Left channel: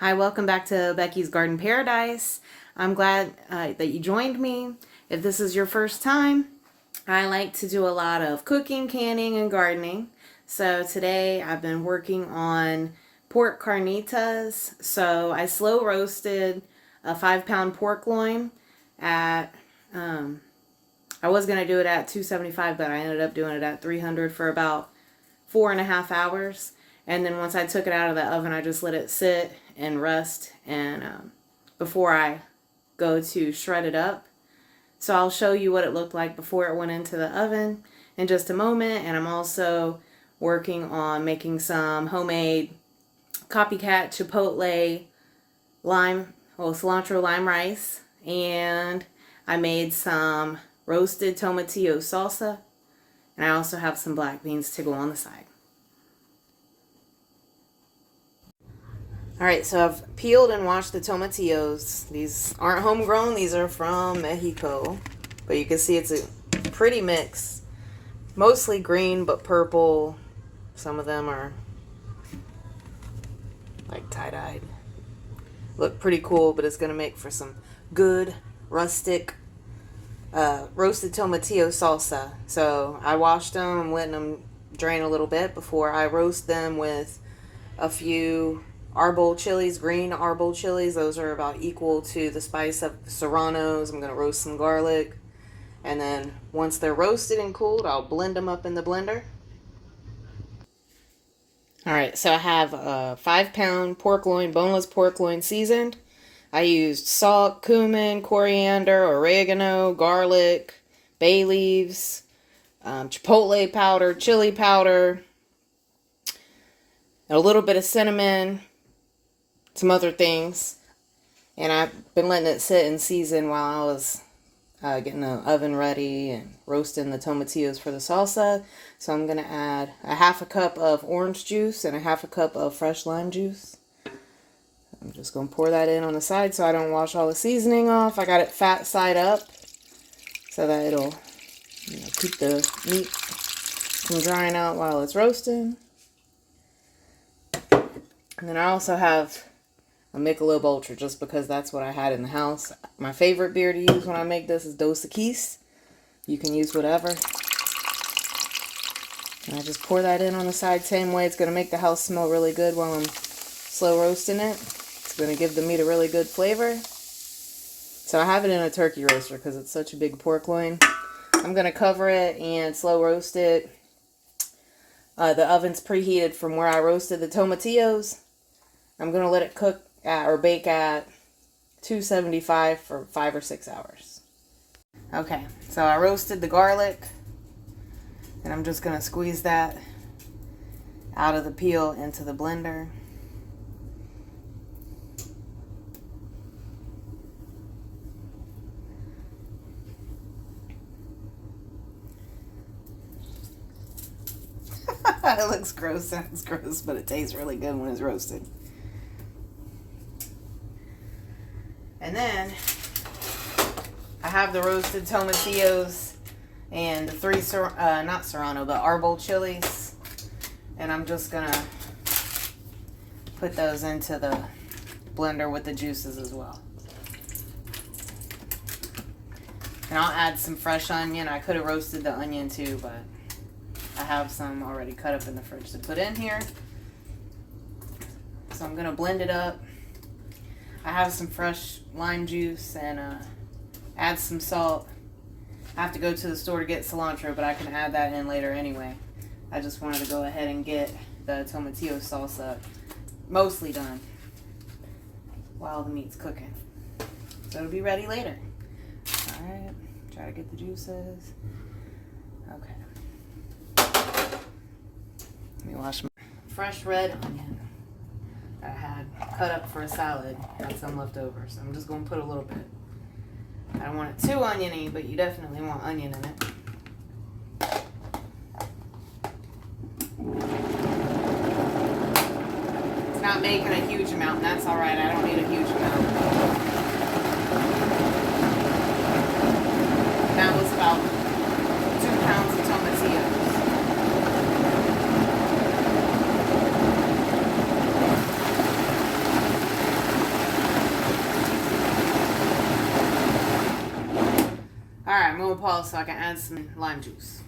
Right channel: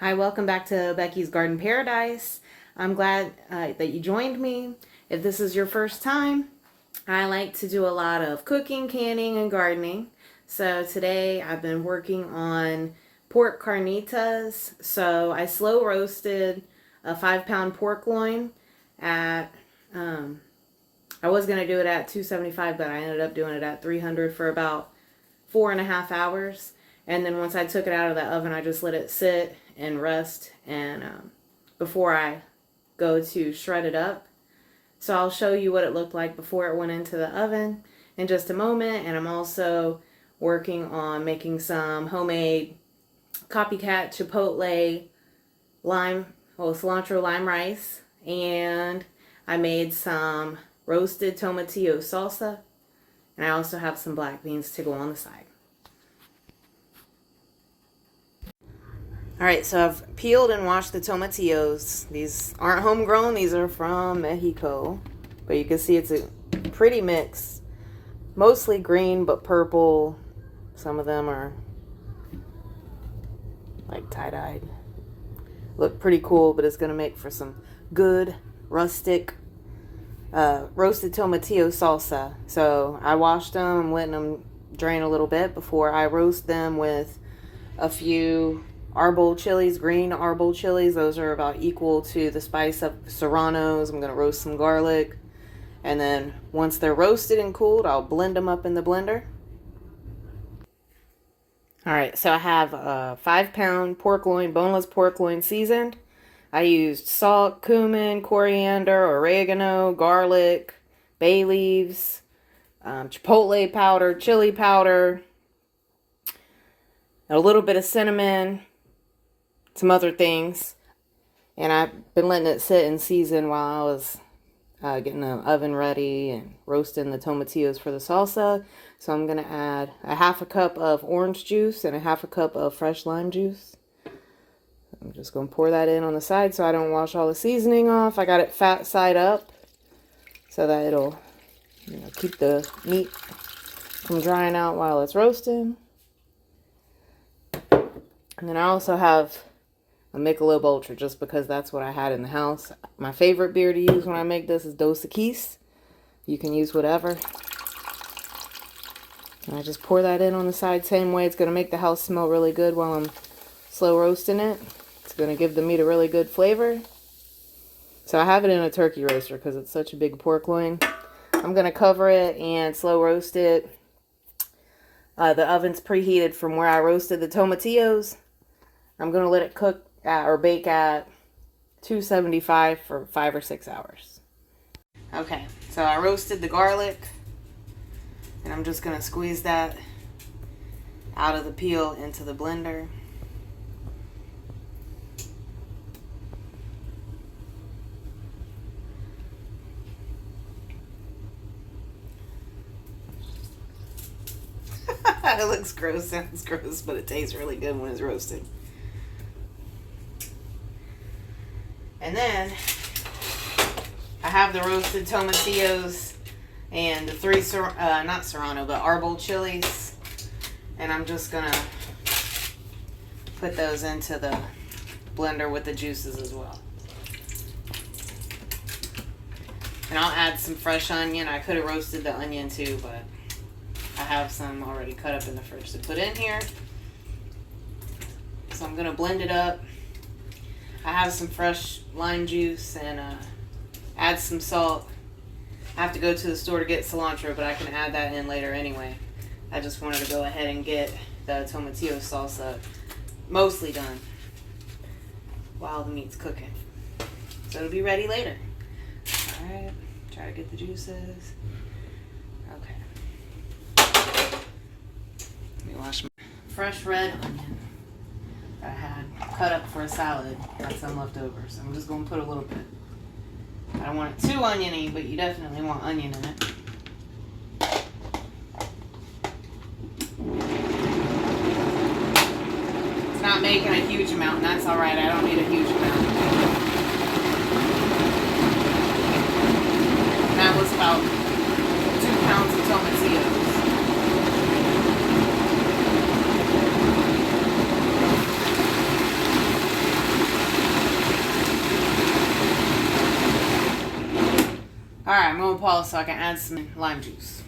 Hi, welcome back to Becky's Garden Paradise. I'm glad that you joined me. If this is your first time, I like to do a lot of cooking, canning, and gardening. So today I've been working on pork carnitas. So I slow roasted a 5-pound pork loin at, I was going to do it at 275, but I ended up doing it at 300 for about 4.5 hours. And then once I took it out of the oven, I just let it sit and rust and before I go to shred it up. So I'll show you what it looked like before it went into the oven in just a moment. And I'm also working on making some homemade copycat chipotle cilantro lime rice. And I made some roasted tomatillo salsa. And I also have some black beans to go on the side. Alright, so I've peeled and washed the tomatillos. These aren't homegrown, these are from Mexico. But you can see it's a pretty mix. Mostly green, but purple. Some of them are like tie-dyed. Look pretty cool, but it's going to make for some good, rustic, roasted tomatillo salsa. So I washed them, I'm letting them drain a little bit before I roast them with a few arbol chilies, green arbol chilies. Those are about equal to the spice of serranos. I'm going to roast some garlic. And then once they're roasted and cooled, I'll blend them up in the blender. Alright, so I have a 5-pound pork loin, boneless pork loin seasoned. I used salt, cumin, coriander, oregano, garlic, bay leaves, chipotle powder, chili powder, a little bit of cinnamon, some other things, and I've been letting it sit and season while I was getting the oven ready and roasting the tomatillos for the salsa. So I'm going to add a 1/2 cup of orange juice and a 1/2 cup of fresh lime juice. I'm just going to pour that in on the side so I don't wash all the seasoning off. I got it fat side up so that it'll keep the meat from drying out while it's roasting. And then I also have a Michelob Ultra, just because that's what I had in the house. My favorite beer to use when I make this is Dos Equis. You can use whatever. And I just pour that in on the side, same way. It's going to make the house smell really good while I'm slow roasting it. It's going to give the meat a really good flavor. So I have it in a turkey roaster because it's such a big pork loin. I'm going to cover it and slow roast it. The oven's preheated from where I roasted the tomatillos. I'm going to let it cook or bake at 275 for 5 or 6 hours. Okay, so I roasted the garlic, and I'm just going to squeeze that out of the peel into the blender. It looks gross, sounds gross, but it tastes really good when it's roasted. And then I have the roasted tomatillos and the 3 not serrano, but arbol chilies, and I'm just gonna put those into the blender with the juices as well. And I'll add some fresh onion. I could have roasted the onion too, but I have some already cut up in the fridge to put in here. So I'm gonna blend it up. I have some fresh lime juice and add some salt. I have to go to the store to get cilantro, but I can add that in later anyway. I just wanted to go ahead and get the tomatillo salsa mostly done while the meat's cooking. So it'll be ready later. Alright, try to get the juices. Okay. Let me wash my fresh red onion that I had cut up for a salad. Got some left over, so I'm just going to put a little bit. I don't want it too oniony, but you definitely want onion in it. It's not making a huge amount, and that's alright. I don't need a huge amount. And that was about 2 pounds of tomatillos. pause so I can add some lime juice.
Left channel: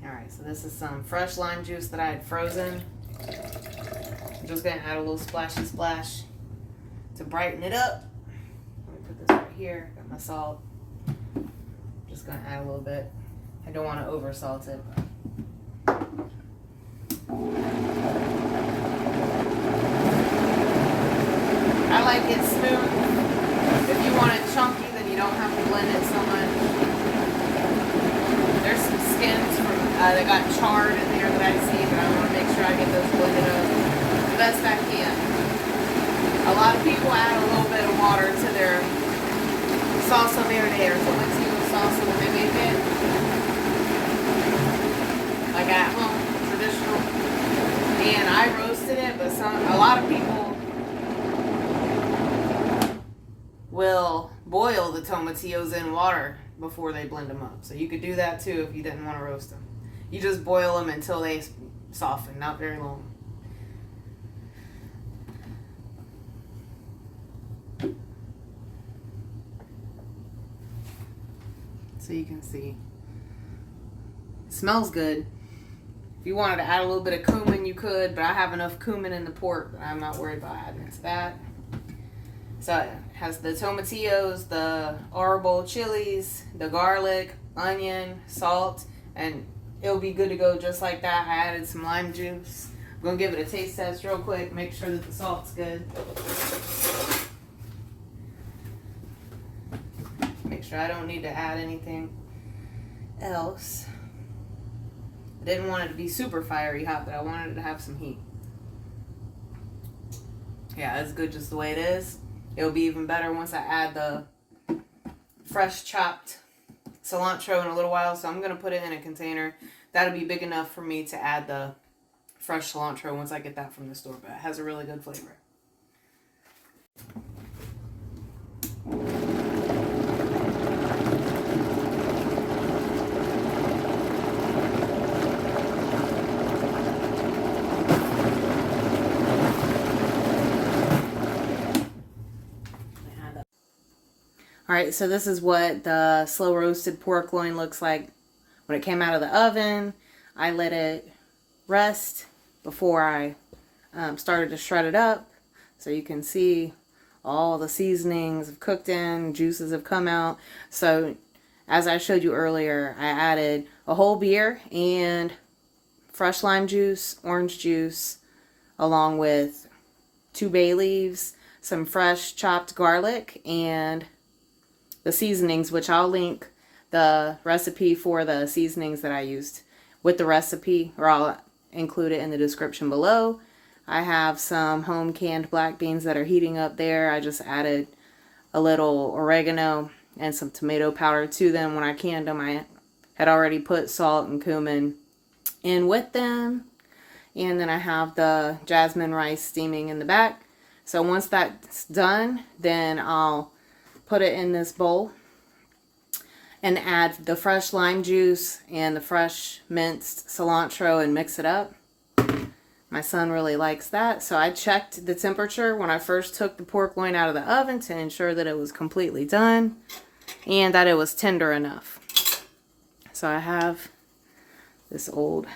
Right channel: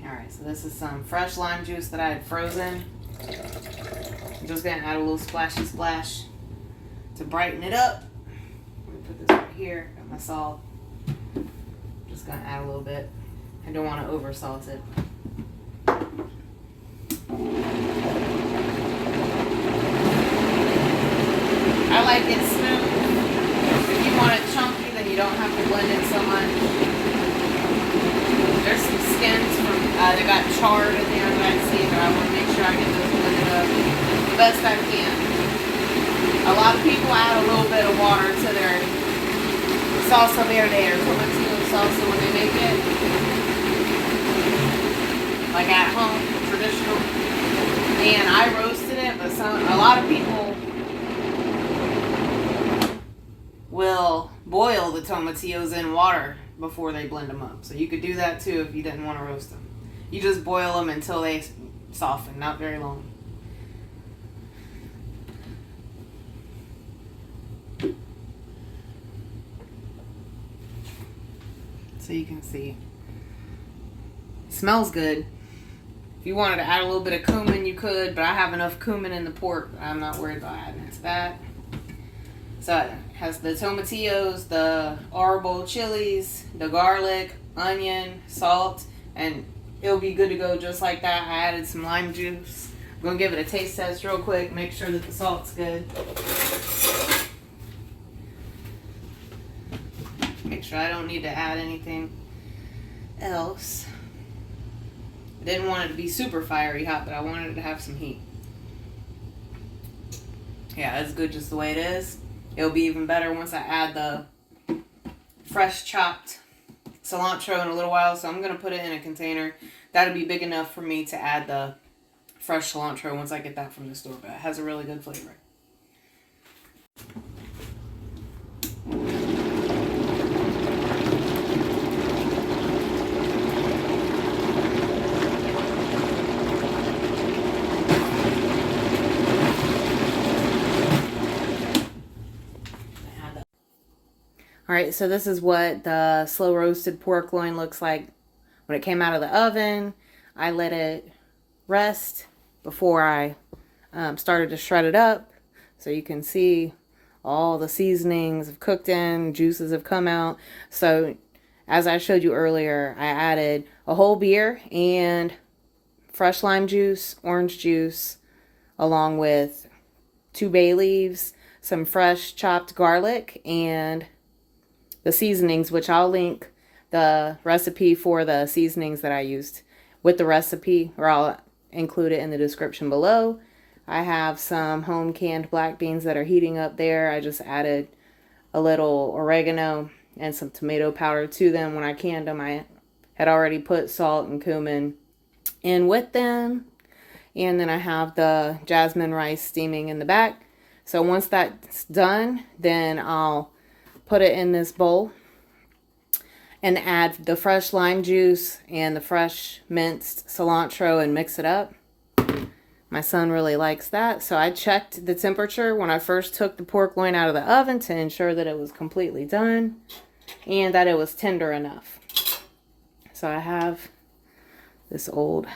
Alright, so this is some fresh lime juice that I had frozen. I'm just going to add a little splashy splash to brighten it up. Let me put this right here. Got my salt. Just going to add a little bit. I don't want to over salt it. I like it smooth. If you want it chunky, then you don't have to blend it so much. There's some skins from that got charred in there that I see, but I want to make sure I get those blended up the best I can. A lot of people add a little bit of water to their salsa verde or tomatillo salsa when they make it, like at home, traditional. And I roasted it, but a lot of people will boil the tomatillos in water before they blend them up. So you could do that too if you didn't want to roast them. You just boil them until they soften, not very long. So you can see. It smells good. If you wanted to add a little bit of cumin, you could, but I have enough cumin in the pork. I'm not worried about adding it to that. So it has the tomatillos, the arbol chilies, the garlic, onion, salt, and it'll be good to go just like that. I added some lime juice. I'm going to give it a taste test real quick, make sure that the salt's good. Make sure I don't need to add anything else. I didn't want it to be super fiery hot, but I wanted it to have some heat. Yeah, it's good just the way it is. It'll be even better once I add the fresh chopped cilantro in a little while. So I'm going to put it in a container. That'll be big enough for me to add the fresh cilantro once I get that from the store. But it has a really good flavor. Alright, so this is what the slow roasted pork loin looks like when it came out of the oven. I let it rest before I started to shred it up. So you can see all the seasonings have cooked in, juices have come out. So as I showed you earlier, I added a whole beer and fresh lime juice, orange juice, along with 2 bay leaves, some fresh chopped garlic, and the seasonings, which I'll link the recipe for the seasonings that I used with the recipe, or I'll include it in the description below. I have some home canned black beans that are heating up there. I just added a little oregano and some tomato powder to them. When I canned them, I had already put salt and cumin in with them. And then I have the jasmine rice steaming in the back. So once that's done, then I'll put it in this bowl and add the fresh lime juice and the fresh minced cilantro and mix it up. My son really likes that. So I checked the temperature when I first took the pork loin out of the oven to ensure that it was completely done and that it was tender enough. So I have this old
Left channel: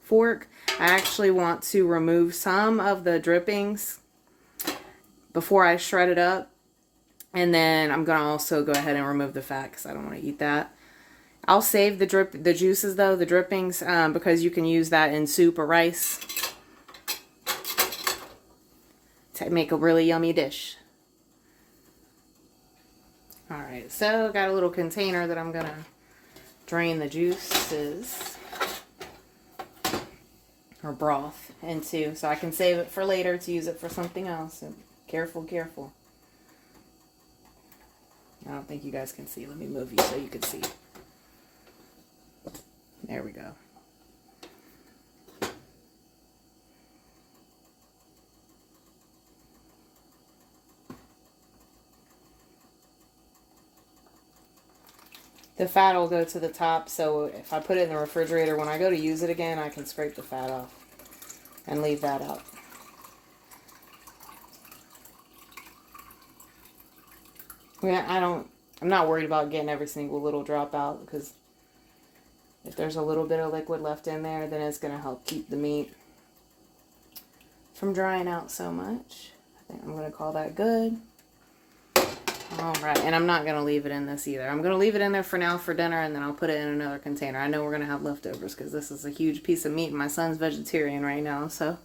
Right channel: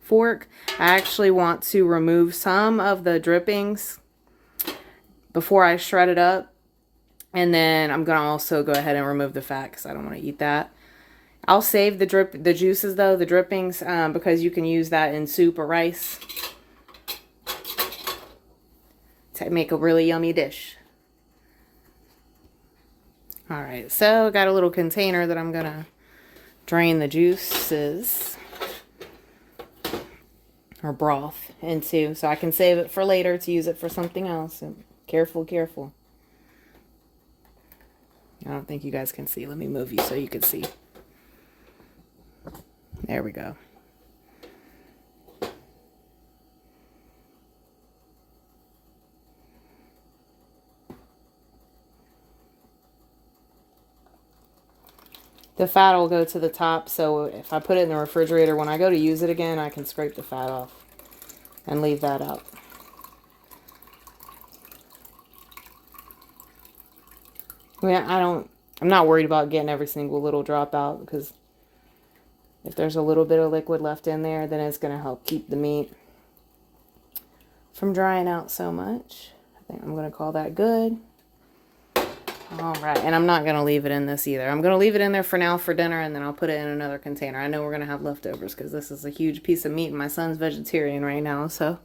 fork. I actually want to remove some of the drippings before I shred it up. And then I'm going to also go ahead and remove the fat because I don't want to eat that. I'll save the juices though, the drippings, because you can use that in soup or rice to make a really yummy dish. Alright, so got a little container that I'm going to drain the juices or broth into so I can save it for later to use it for something else. So careful, careful. I don't think you guys can see. Let me move you so you can see. There we go. The fat will go to the top, so if I put it in the refrigerator, when I go to use it again, I can scrape the fat off and leave that up. I mean, I'm not worried about getting every single little drop out because If there's a little bit of liquid left in there, then it's going to help keep the meat from drying out so much. I think I'm going to call that good. All right, and I'm not going to leave it in this either. I'm going to leave it in there for now for dinner, and then I'll put it in another container. I know we're going to have leftovers because this is a huge piece of meat. My son's vegetarian right now, so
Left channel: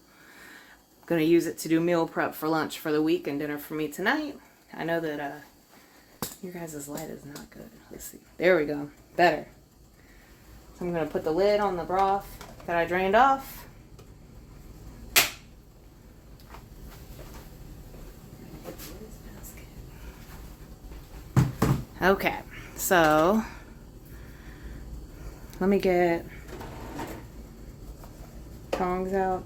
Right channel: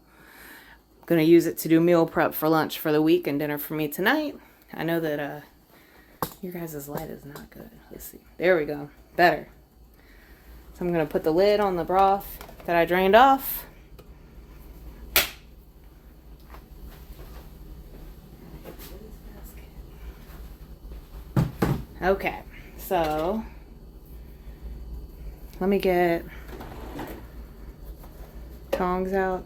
I'm going to use it to do meal prep for lunch for the week and dinner for me tonight. I know that your guys' light is not good. Let's see. There we go. Better. So I'm going to put the lid on the broth that I drained off. Okay, so let me get tongs out.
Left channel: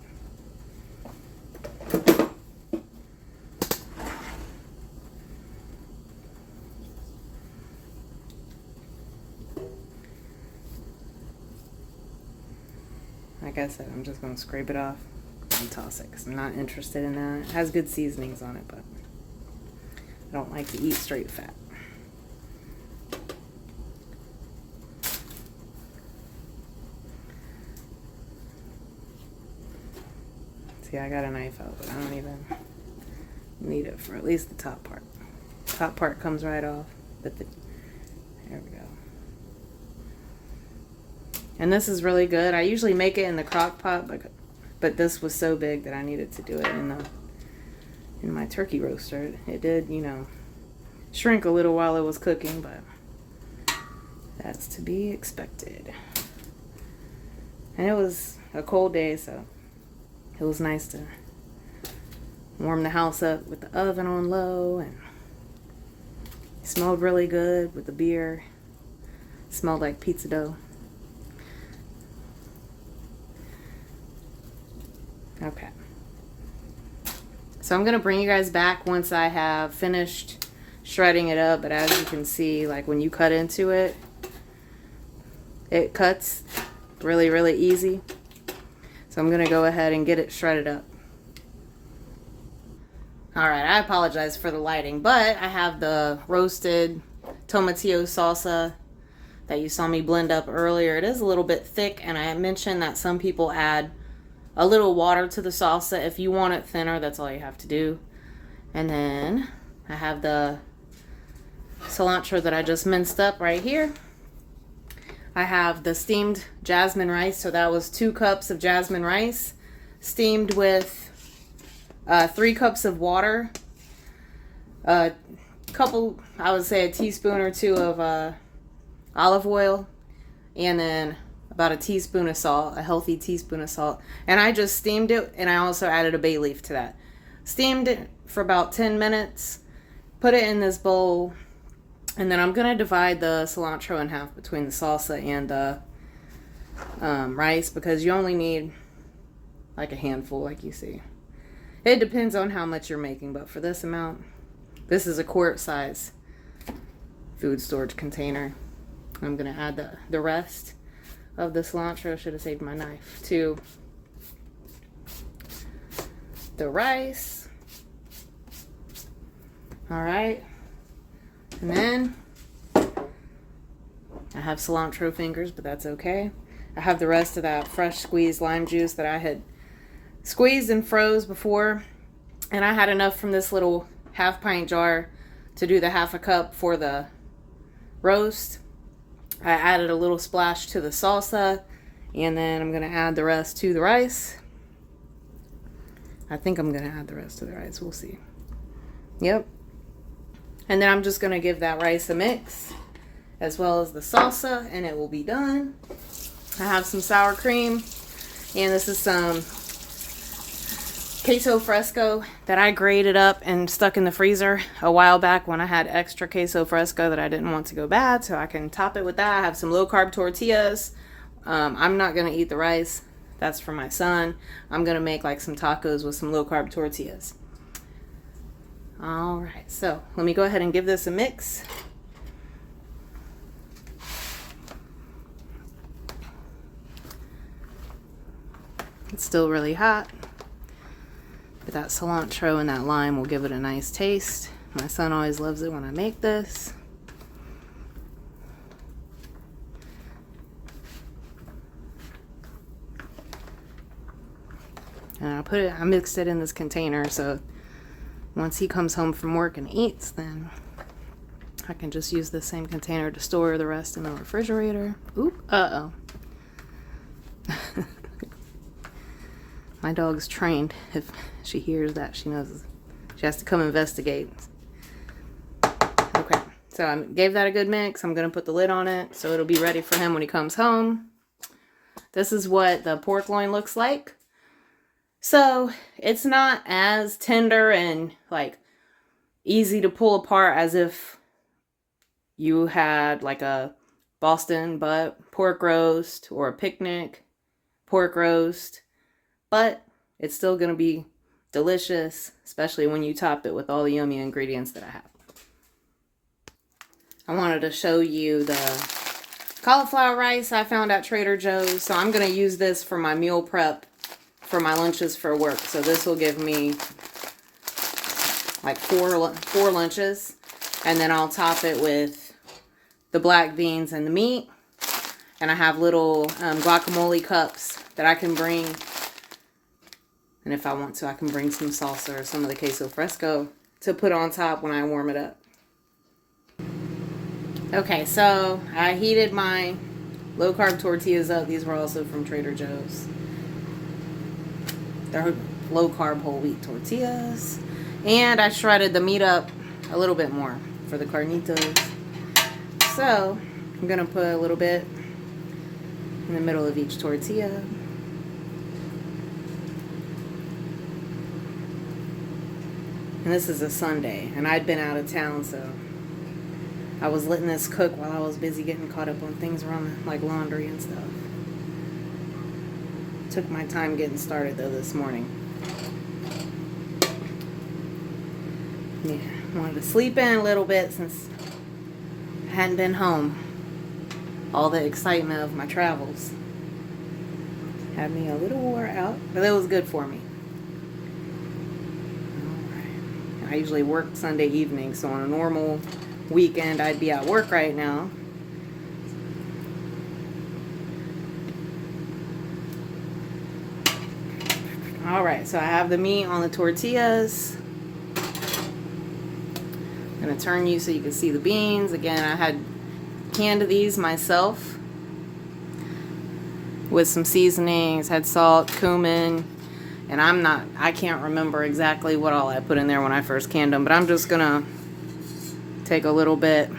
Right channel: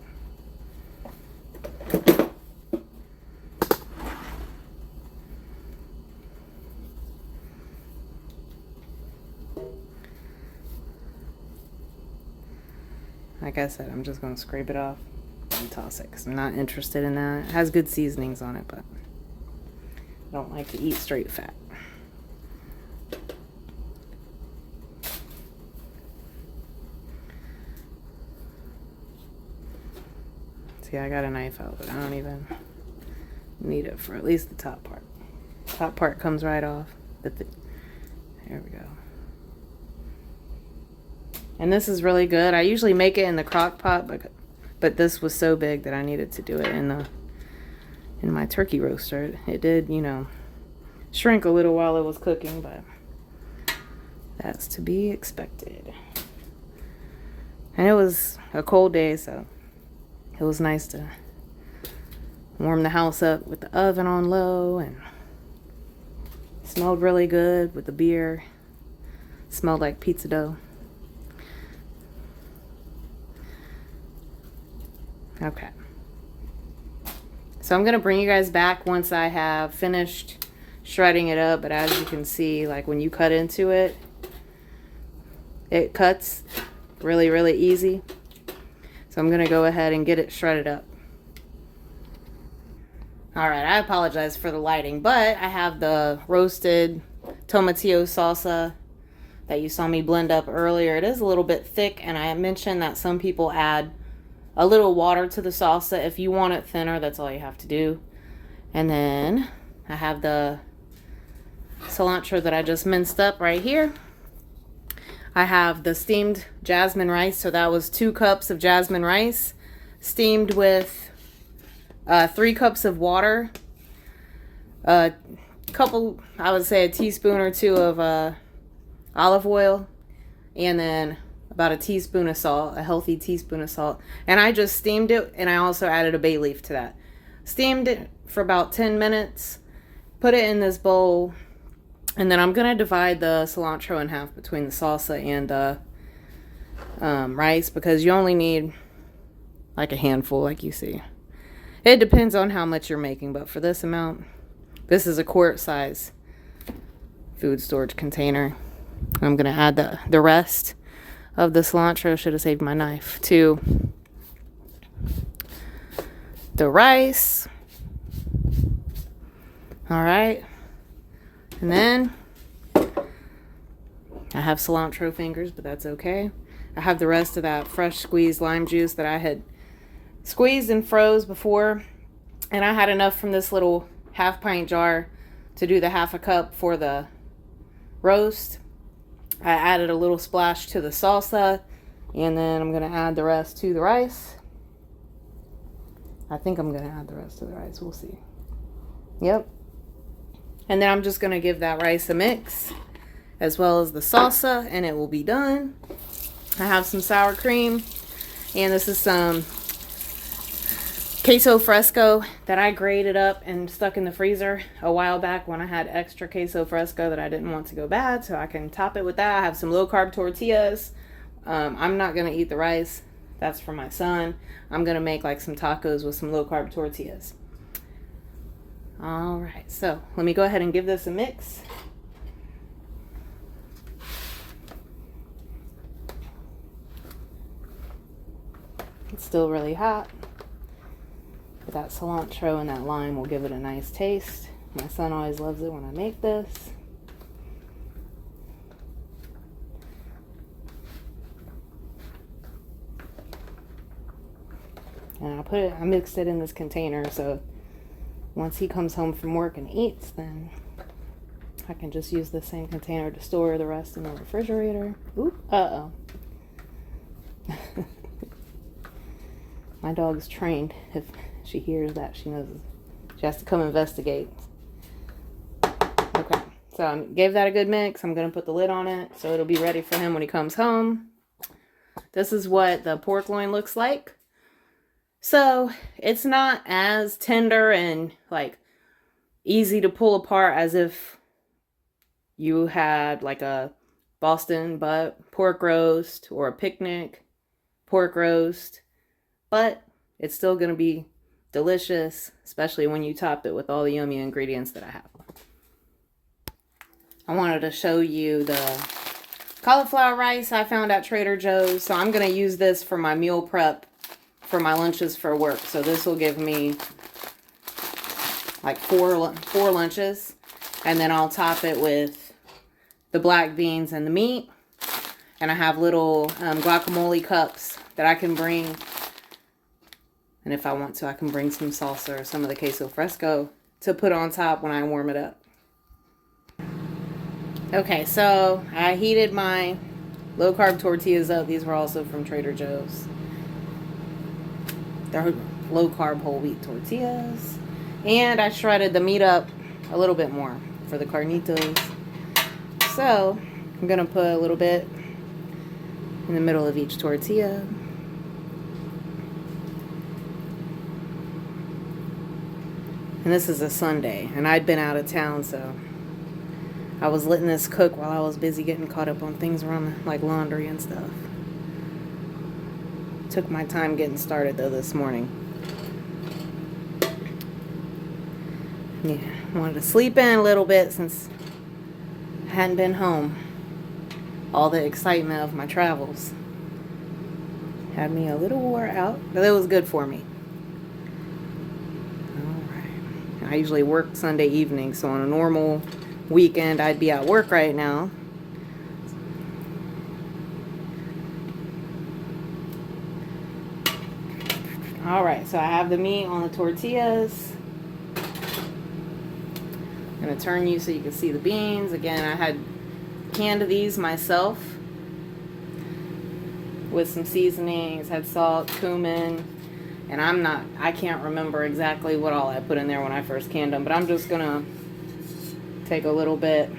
Like I said, I'm just going to scrape it off and toss it because I'm not interested in that. It has good seasonings on it, but I don't like to eat straight fat. See, I got a knife out, but I don't even need it for at least the top part. Top part comes right off. There we go. And this is really good. I usually make it in the crock pot, but this was so big that I needed to do it in my turkey roaster. It did, you know, shrink a little while it was cooking, but that's to be expected. And it was a cold day, so it was nice to warm the house up with the oven on low, and it smelled really good with the beer. It smelled like pizza dough. Okay. So I'm going to bring you guys back once I have finished shredding it up, but as you can see, like when you cut into it, it cuts really, really easy. So I'm going to go ahead and get it shredded up. All right, I apologize for the lighting, but I have the roasted tomatillo salsa that you saw me blend up earlier. It is a little bit thick, and I mentioned that some people add a little water to the salsa. If you want it thinner, that's all you have to do. And then I have the cilantro that I just minced up right here. I have the steamed jasmine rice, so that was 2 cups of jasmine rice, steamed with 3 cups of water, a couple, I would say a teaspoon or 2 of olive oil, and then about a teaspoon of salt, a healthy teaspoon of salt. And I just steamed it, and I also added a bay leaf to that. Steamed it for about 10 minutes, put it in this bowl, and then I'm going to divide the cilantro in half between the salsa and the rice, because you only need like a handful, like you see. It depends on how much you're making, but for this amount, this is a quart size food storage container. I'm going to add the rest of the cilantro, should have saved my knife, to the rice. All right. And then I have cilantro fingers, but that's okay. I have the rest of that fresh squeezed lime juice that I had squeezed and froze before. And I had enough from this little half-pint jar to do the half a cup for the roast. I added a little splash to the salsa, and then I'm going to add the rest to the rice. I think I'm going to add the rest to the rice. We'll see. Yep. And then I'm just going to give that rice a mix, as well as the salsa, and it will be done. I have some sour cream, and this is some queso fresco that I grated up and stuck in the freezer a while back when I had extra queso fresco that I didn't want to go bad, so I can top it with that. I have some low-carb tortillas. I'm not going to eat the rice. That's for my son. I'm going to make like some tacos with some low-carb tortillas. All right, so let me go ahead and give this a mix. It's still really hot, but that cilantro and that lime will give it a nice taste. My son always loves it when I make this. And I mixed it in this container, so once he comes home from work and eats, then I can just use the same container to store the rest in the refrigerator. Oop, uh-oh. My dog's trained. If she hears that, she knows she has to come investigate. Okay, so I gave that a good mix. I'm going to put the lid on it so it'll be ready for him when he comes home. This is what the pork loin looks like. So it's not as tender and like easy to pull apart as if you had like a Boston butt pork roast or a picnic pork roast, but it's still going to be delicious, especially when you top it with all the yummy ingredients that I have. I wanted to show you the cauliflower rice I found at Trader Joe's. So I'm going to use this for my meal prep for my lunches for work. So this will give me like four lunches. And then I'll top it with the black beans and the meat. And I have little guacamole cups that I can bring. And if I want to, I can bring some salsa or some of the queso fresco to put on top when I warm it up. Okay, so I heated my low-carb tortillas up. These were also from Trader Joe's. They're low-carb whole wheat tortillas. And I shredded the meat up a little bit more for the carnitas. So I'm going to put a little bit in the middle of each tortilla. And this is a Sunday, and I'd been out of town, so I was letting this cook while I was busy getting caught up on things around like laundry and stuff. Took my time getting started though this morning. Yeah, wanted to sleep in a little bit since I hadn't been home. All the excitement of my travels had me a little wore out, but it was good for me. I usually work Sunday evening, so on a normal weekend I'd be at work right now. Alright, so I have the meat on the tortillas. I'm going to turn you so you can see the beans. Again, I had canned these myself with some seasonings, had salt, cumin, and I can't remember exactly what all I put in there when I first canned them, but I'm just going to take a little bit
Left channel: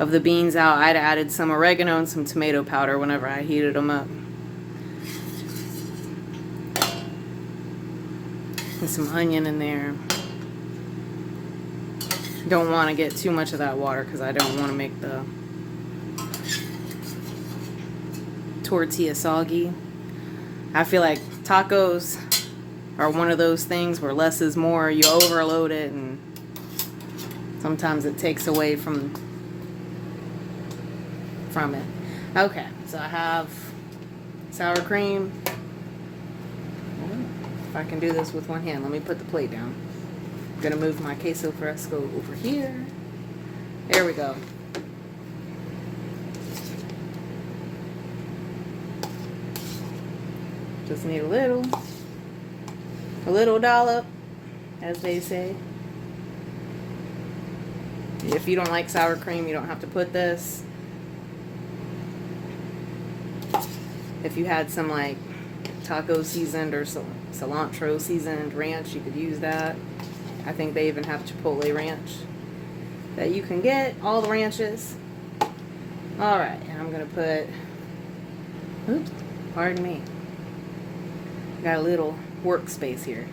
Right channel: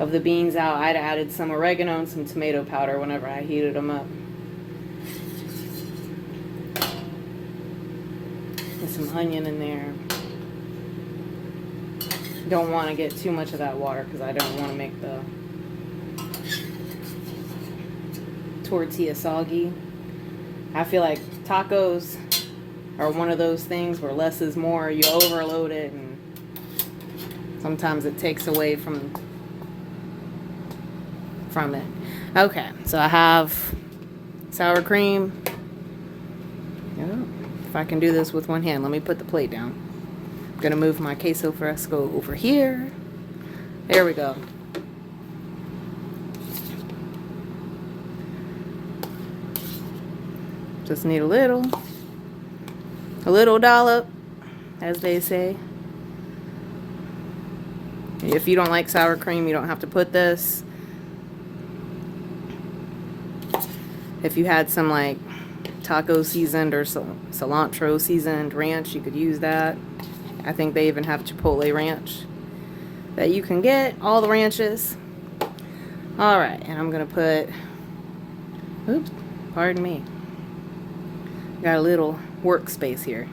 of the beans out. I'd added some oregano and some tomato powder whenever I heated them up. And some onion in there. Don't want to get too much of that water because I don't want to make the tortilla soggy. I feel like tacos are one of those things where less is more. You overload it and sometimes it takes away from it. Okay, so I have sour cream. If I can do this with one hand, let me put the plate down. I'm gonna move my queso fresco over here. There we go. Just need a little dollop, as they say. If you don't like sour cream, you don't have to put this. If you had some like taco seasoned or cilantro seasoned ranch, you could use that. I think they even have chipotle ranch that you can get, all the ranches. Alright, and I'm gonna put, oops, pardon me. Got a little workspace here.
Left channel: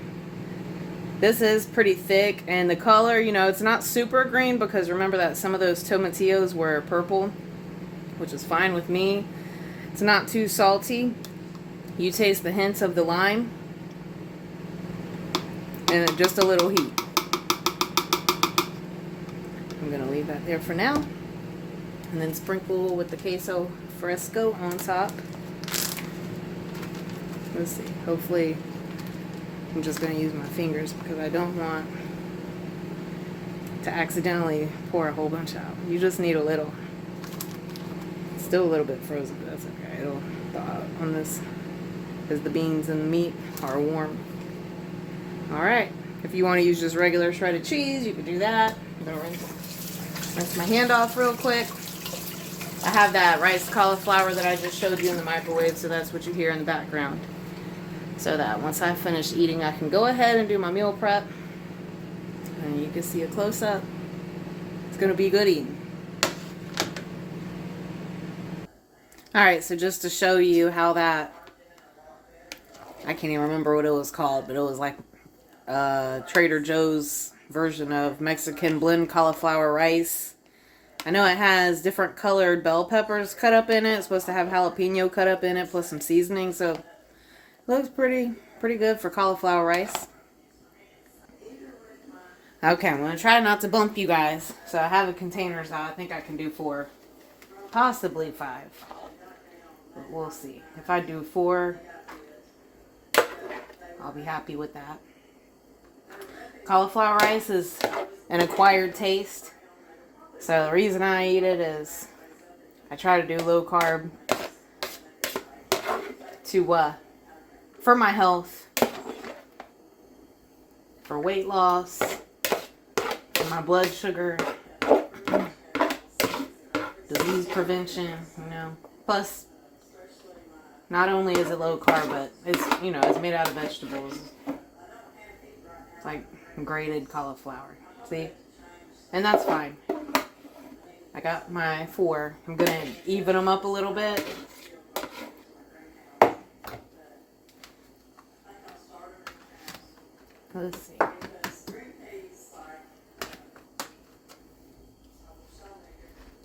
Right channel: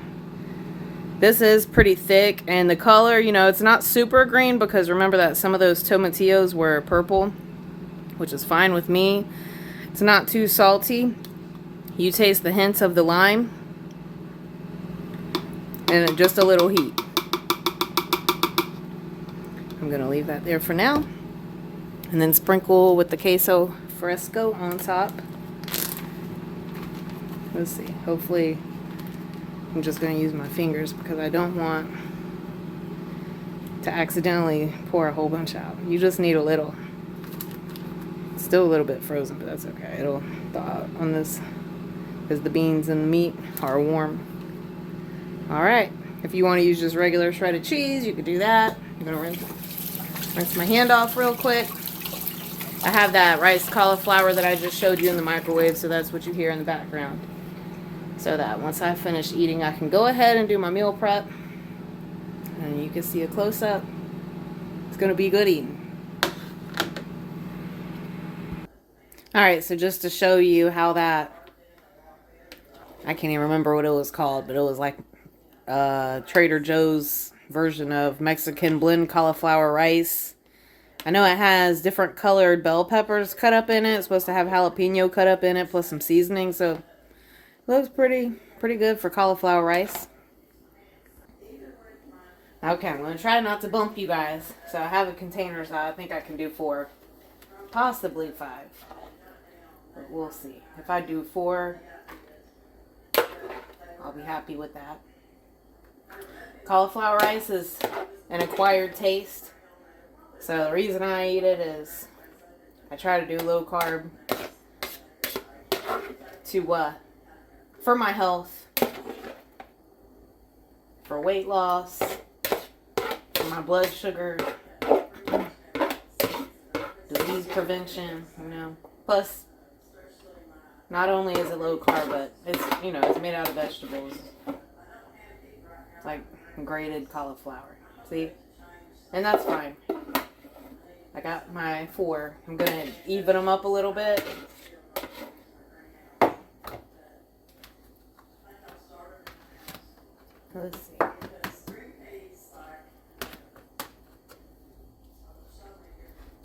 This is pretty thick, and the color, you know, it's not super green because remember that some of those tomatillos were purple, which is fine with me. It's not too salty. You taste the hints of the lime, and just a little heat. I'm gonna leave that there for now, and then sprinkle with the queso fresco on top. Let's see, hopefully I'm just going to use my fingers because I don't want to accidentally pour a whole bunch out. You just need a little. It's still a little bit frozen, but that's okay. It'll thaw out on this because the beans and the meat are warm. All right. If you want to use just regular shredded cheese, you could do that. I'm going to rinse my hand off real quick. I have that rice cauliflower that I just showed you in the microwave, so that's what you hear in the background. So that once I finish eating, I can go ahead and do my meal prep. And you can see a close-up. It's going to be good eating. Alright, so just to show you how that, I can't even remember what it was called, but it was like Trader Joe's version of Mexican blend cauliflower rice. I know it has different colored bell peppers cut up in it. It's supposed to have jalapeno cut up in it, plus some seasoning, so it looks pretty good for cauliflower rice. Okay, I'm going to try not to bump you guys. So I have a container, so I think I can do 4, possibly 5. But we'll see. If I do 4, I'll be happy with that. Cauliflower rice is an acquired taste. So the reason I eat it is I try to do low carb for my health, for weight loss, for my blood sugar, disease prevention, Plus, not only is it low carb, but it's made out of vegetables. It's like grated cauliflower. See? And that's fine. I got my 4. I'm going to even them up a little bit. Let's see.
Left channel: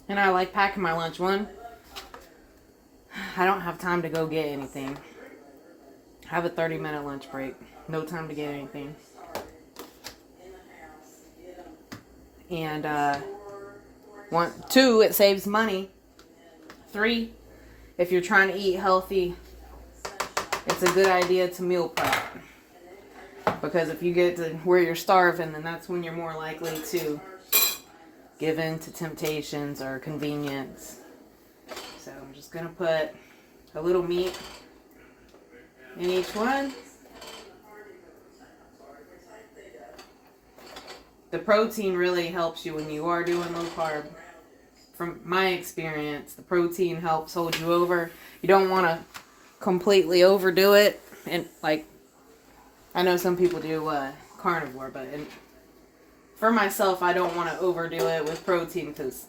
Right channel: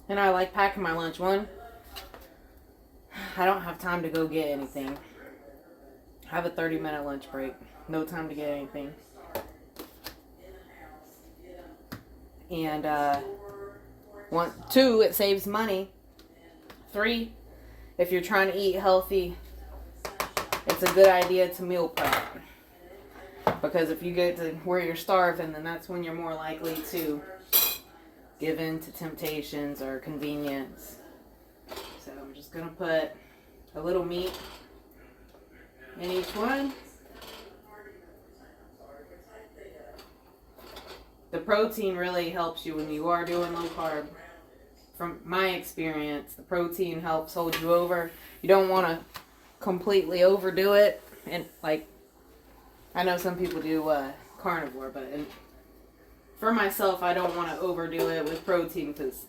And I like packing my lunch. One, I don't have time to go get anything. I have a 30-minute lunch break. No time to get anything. And 2, it saves money. 3, if you're trying to eat healthy, it's a good idea to meal prep. Because if you get to where you're starving, then that's when you're more likely to give in to temptations or convenience. So I'm just going to put a little meat in each one. The protein really helps you when you are doing low carb. From my experience, the protein helps hold you over. You don't want to completely overdo it. And I know some people do carnivore, but for myself, I don't want to overdo it with protein, because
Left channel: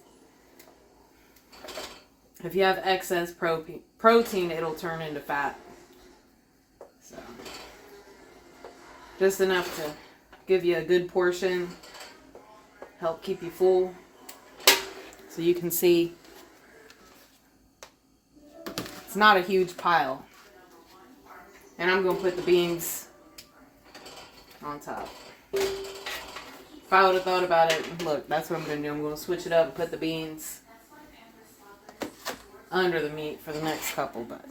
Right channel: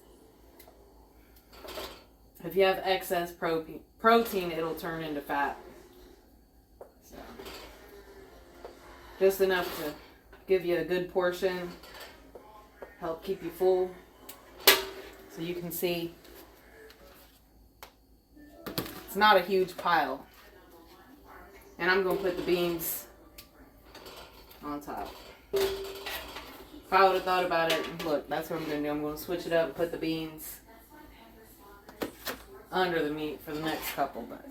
if you have excess protein, it'll turn into fat. So, just enough to give you a good portion, help keep you full. So you can see it's not a huge pile. And I'm going to put the beans on top. If I would have thought about it, look, that's what I'm going to do. I'm going to switch it up and put the beans under the meat for the next couple. But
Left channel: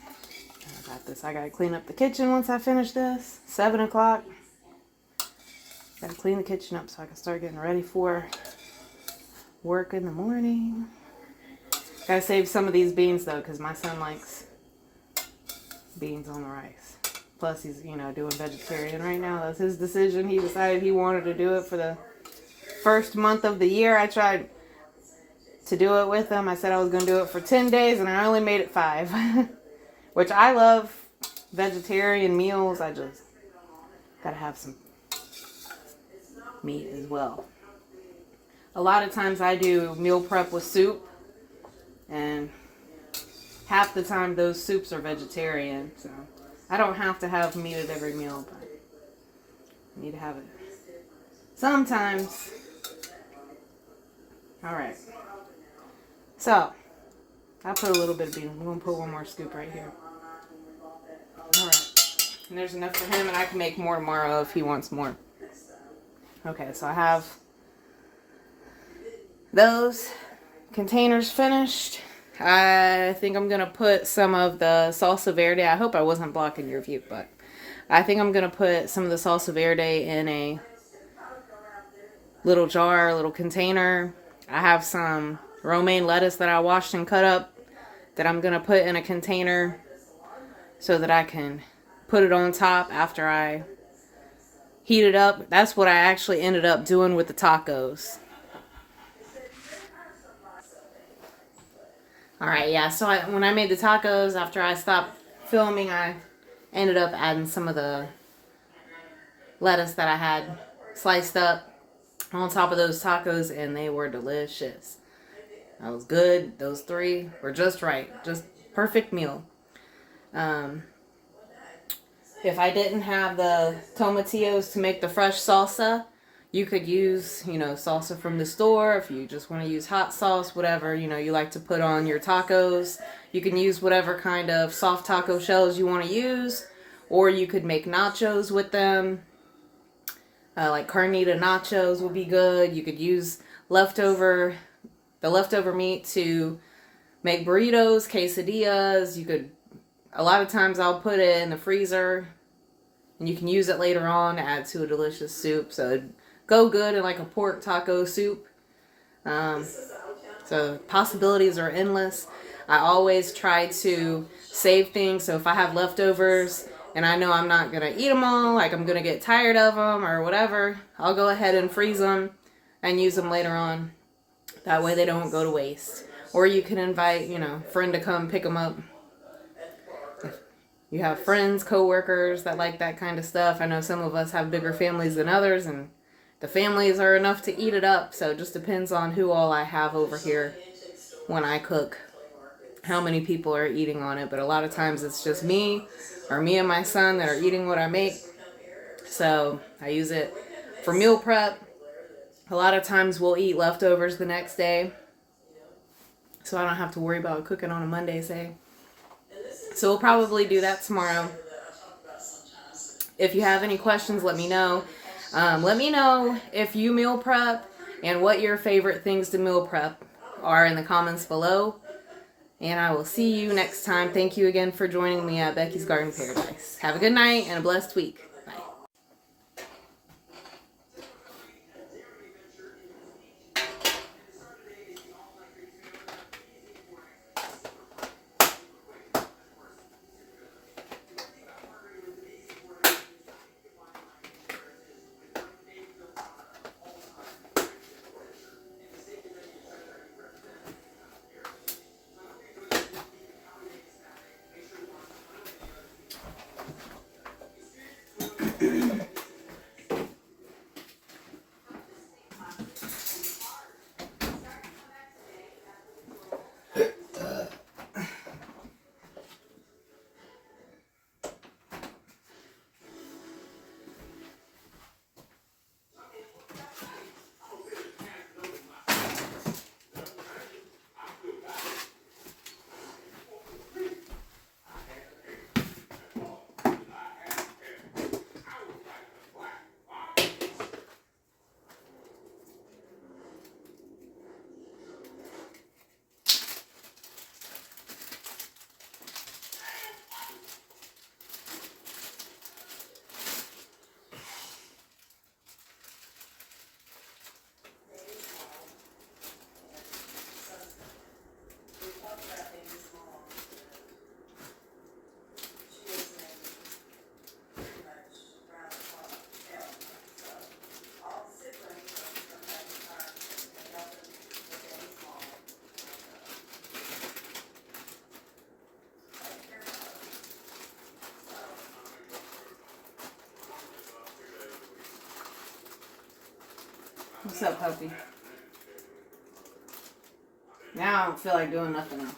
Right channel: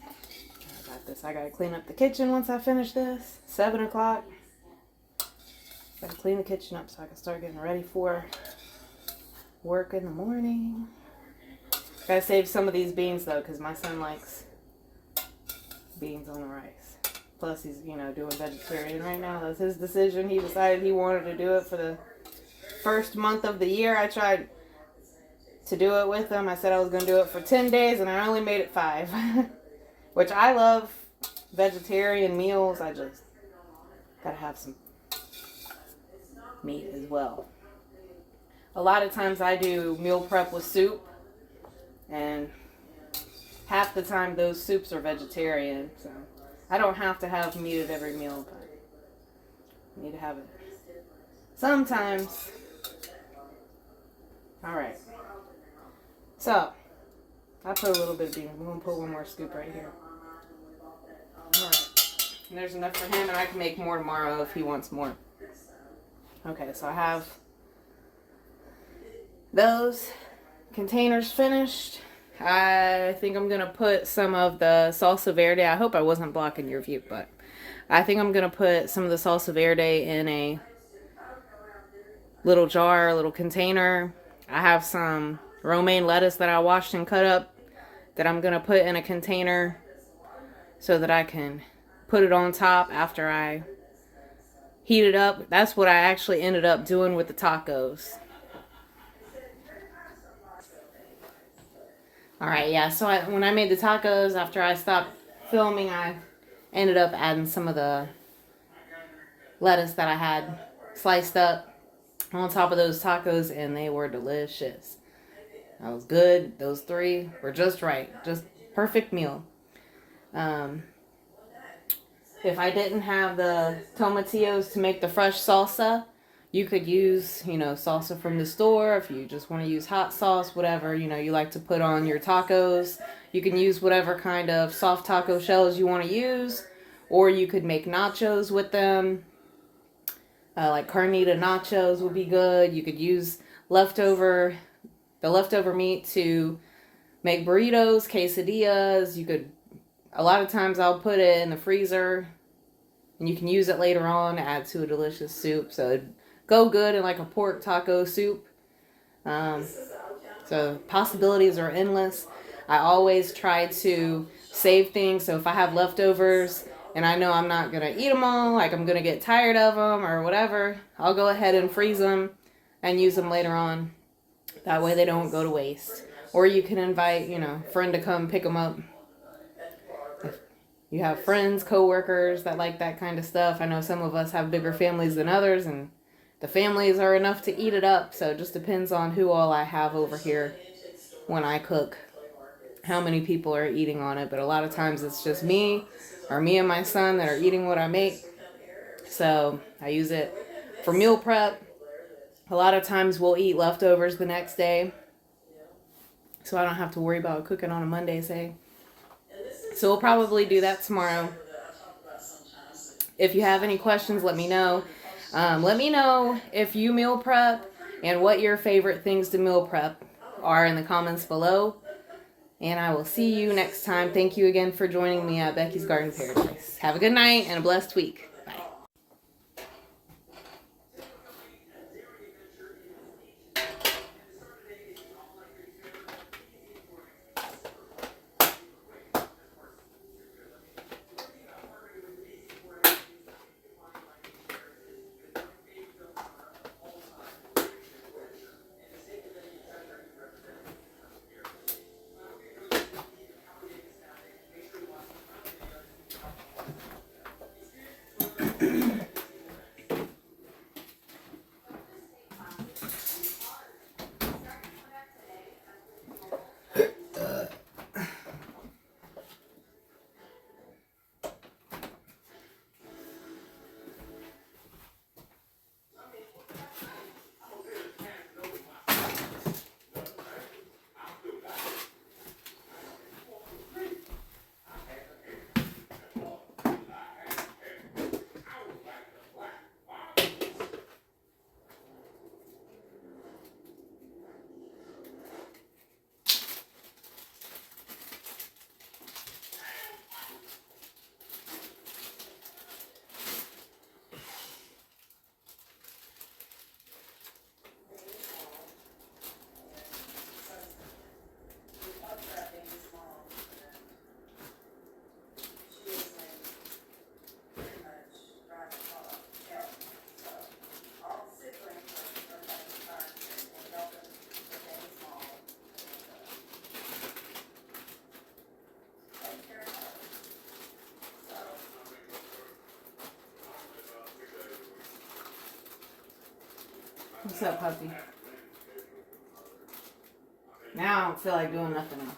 I got this. I got to clean up the kitchen once I finish this. 7 o'clock. Got to clean the kitchen up so I can start getting ready for work in the morning. Got to save some of these beans though, because my son likes beans on the rice. Plus he's, doing vegetarian right now. That's his decision. He decided he wanted to do it for the first month of the year. I tried to do it with him. I said I was going to do it for 10 days and I only made it 5. Which I love vegetarian meals. I just got to have some meat as well. A lot of times I do meal prep with soup, and half the time those soups are vegetarian, so I don't have to have meat at every meal, but I need to have it sometimes. Alright, so I'll put a little bit of beans. I'm going to put one more scoop right here. Alright, and there's enough for him, and I can make more tomorrow if he wants more. Okay, so I have those containers finished. I think I'm going to put some of the salsa verde. I hope I wasn't blocking your view, but I think I'm going to put some of the salsa verde in a little jar, a little container. I have some romaine lettuce that I washed and cut up that I'm going to put in a container so that I can put it on top after I heat it up. That's what I actually ended up doing with the tacos. Alright, yeah, so when I made the tacos, after I stopped filming, I ended up adding some of the lettuce that I had sliced up on top of those tacos, and they were delicious. That was good. Those three were just right. Just perfect meal. If I didn't have the tomatillos to make the fresh salsa, you could use, salsa from the store. If you just want to use hot sauce, whatever, you like to put on your tacos. You can use whatever kind of soft taco shells you want to use. Or you could make nachos with them. Like carnita nachos would be good. You could use the leftover meat to make burritos, quesadillas. A lot of times I'll put it in the freezer and you can use it later on to add to a delicious soup. So it'd go good in like a pork taco soup. So possibilities are endless. I always try to save things. So if I have leftovers and I know I'm not going to eat them all, like I'm going to get tired of them or whatever, I'll go ahead and freeze them and use them later on. That way they don't go to waste. Or you can invite, a friend to come pick them up. If you have friends, coworkers that like that kind of stuff. I know some of us have bigger families than others, and the families are enough to eat it up. So it just depends on who all I have over here when I cook, how many people are eating on it. But a lot of times it's just me or me and my son that are eating what I make. So I use it for meal prep. A lot of times we'll eat leftovers the next day, so I don't have to worry about cooking on a Monday, say. So we'll probably do that tomorrow. If you have any questions, let me know. Let me know if you meal prep and what your favorite things to meal prep are in the comments below. And I will see you next time. Thank you again for joining me at Becky's Garden Paradise. Have a good night and a blessed week. Bye. What's up, puppy? Now I don't feel like doing nothing else.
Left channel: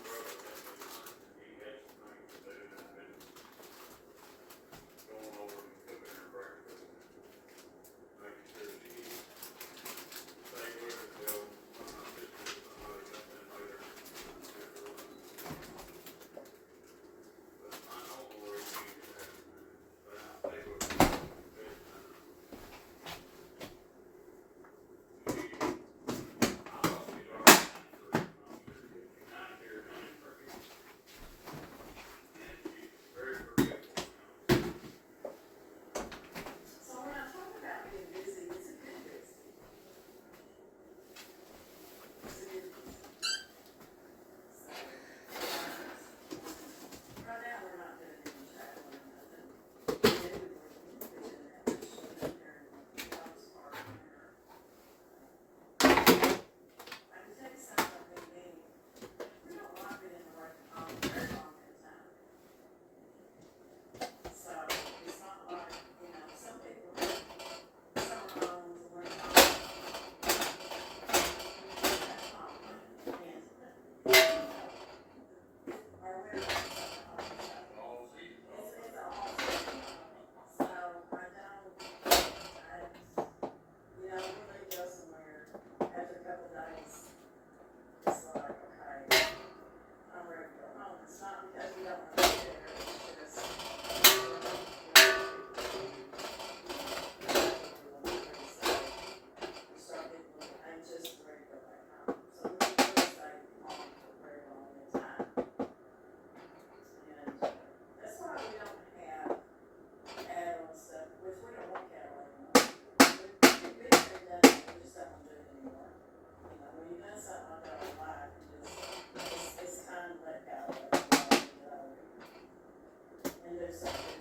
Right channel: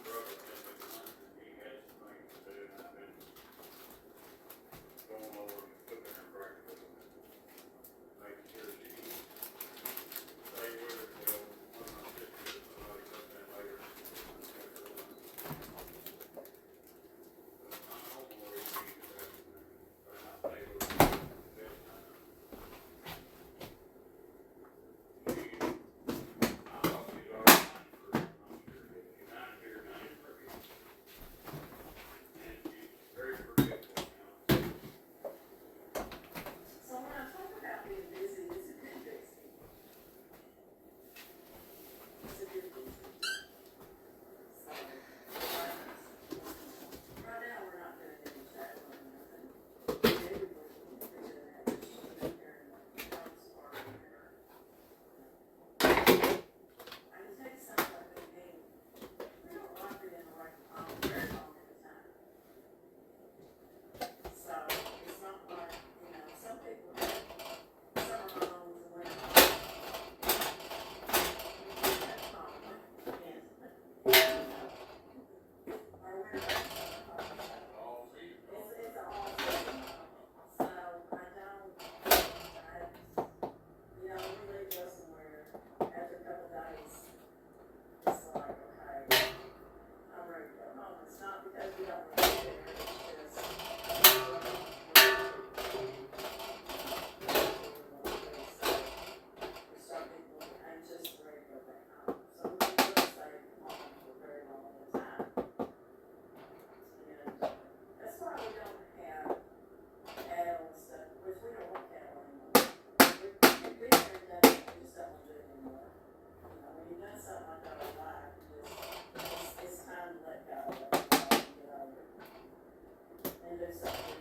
And there's something